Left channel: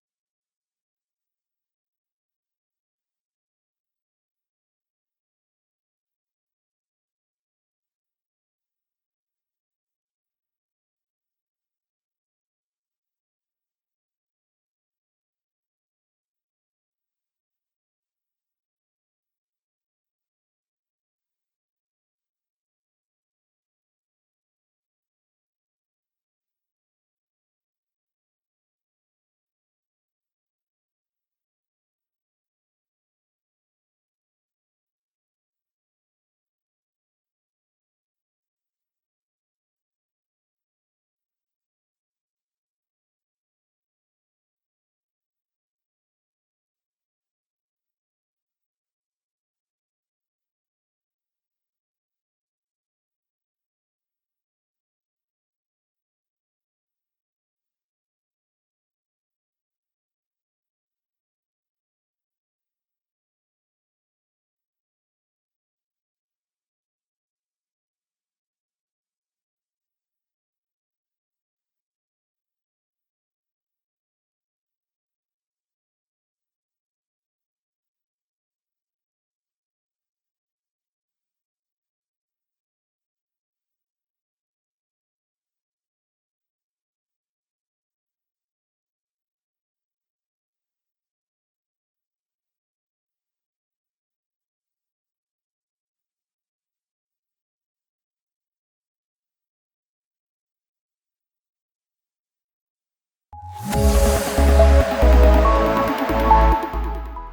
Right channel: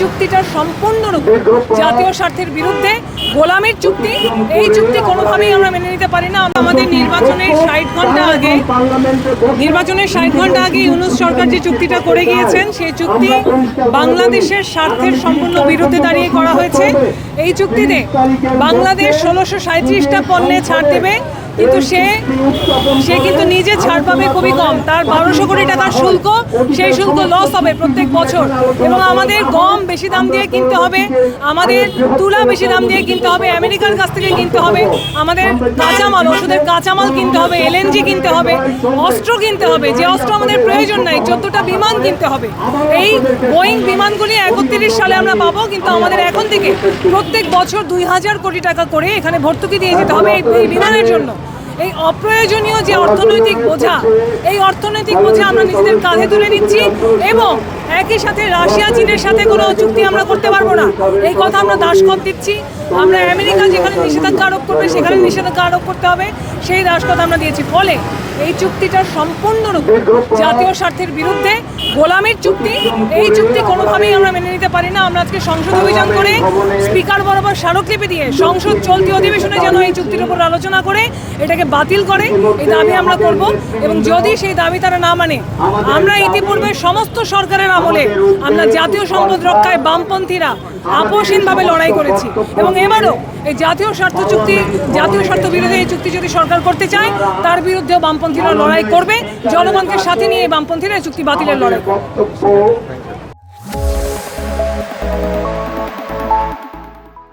চুক্তিটা সম্পূর্ণরূপে জাতীয় স্বার্থের বিরুদ্ধে, গোলামির চুক্তি। এই চুক্তি কোনোভাবেই আমরা মেনে নিতে পারি না। আমাদের নির্বাচনের 60 ঘন্টা আগে ইউনূস সরকার যে চুক্তিটা করে গিয়েছেন, সেই চুক্তি বাংলাদেশের স্বার্থের সম্পূর্ণ বিরুদ্ধে দাঁড়িয়ে করা হয়েছে। এই চুক্তিতে বাংলাদেশ 1637টা পণ্যে ছাড় দেবে, কিন্তু সে কিন্তু নিজে ছাড় পাবে খুবই কম। তার 1200 কোটি টাকার শুল্ক, সেই শুল্ক লস হবে প্রত্যেক বছর। এবং আমাদের গম বেশি দাম দিয়ে কিনতে হবে, আমাদের তুলা বেশি দাম দিয়ে কিনতে হবে, আমেরিকার কাছ থেকে কিনতে হবে, আমাদের কাঁচামাল, ওষুধের কাঁচামাল কিনতে হবে, এলএনজি কিনতে হবে, অস্ত্র কিনতে হবে, যে অস্ত্র আমাদের প্রয়োজন নাই, 14টা বিমান কিনতে হবে। এই বোয়িং বিমানগুলি 31 সালে আমরা পাবো, কিন্তু আমাদের এখন থেকে প্রত্যেক বছর 2000 কোটি টাকা করে এখানে ভর্তুকি দিয়ে যেতে হবে এই বিমানের জন্য। এই অপ্রয়োজনীয় যে অর্থনৈতিক বোঝা, এই অর্থনৈতিক বোঝা আমরা নিজেদের কাঁধে তুলে নিচ্ছি। এবং একই সাথে রাশিয়া চীনের সাথে কোনো চুক্তি আমরা করতে পারবো না, এই কথা আমরা দাসখত দিচ্ছি। আমরা আমেরিকা যেখানে নিষেধাজ্ঞা আরোপ করবে সেখানে নিষেধাজ্ঞা আরোপ করতে হবে, সেই দাসখত আমরা দিয়েছি। ফলে এই চুক্তিটা সম্পূর্ণরূপে জাতীয় স্বার্থের বিরুদ্ধে, গোলামির চুক্তি। এই চুক্তি কোনোভাবেই আমরা মেনে নিতে পারি না। আমরা আজকে সংসদ অভিযান করে স্পিকার বরাবর স্মারকলিপি দিয়ে সংসদ চলতি অধিবেশনে যেন এই চুক্তির উপর আলোচনা করে এটাকে বাতিল করে, এই দাবি আমরা করব। এবং যদি সেই দাবি তারা না মানে, আমরা ইতিপূর্বে সমস্ত সরকারের আমলে আমরা জাতীয় সম্পদ রক্ষায় বামপন্থীরা আপোষহীনভাবে লড়াই করেছি। এবং এবারও এই জাতীয় স্বার্থ বিরোধী এই চুক্তি যদি সরকার করতে চায়, তার বিরুদ্ধেও বামপন্থীরা লড়াই করবে। জনগণকে সাথে নিয়ে বামপন্থীরা এই চুক্তি বাতিলের লড়াই করবে।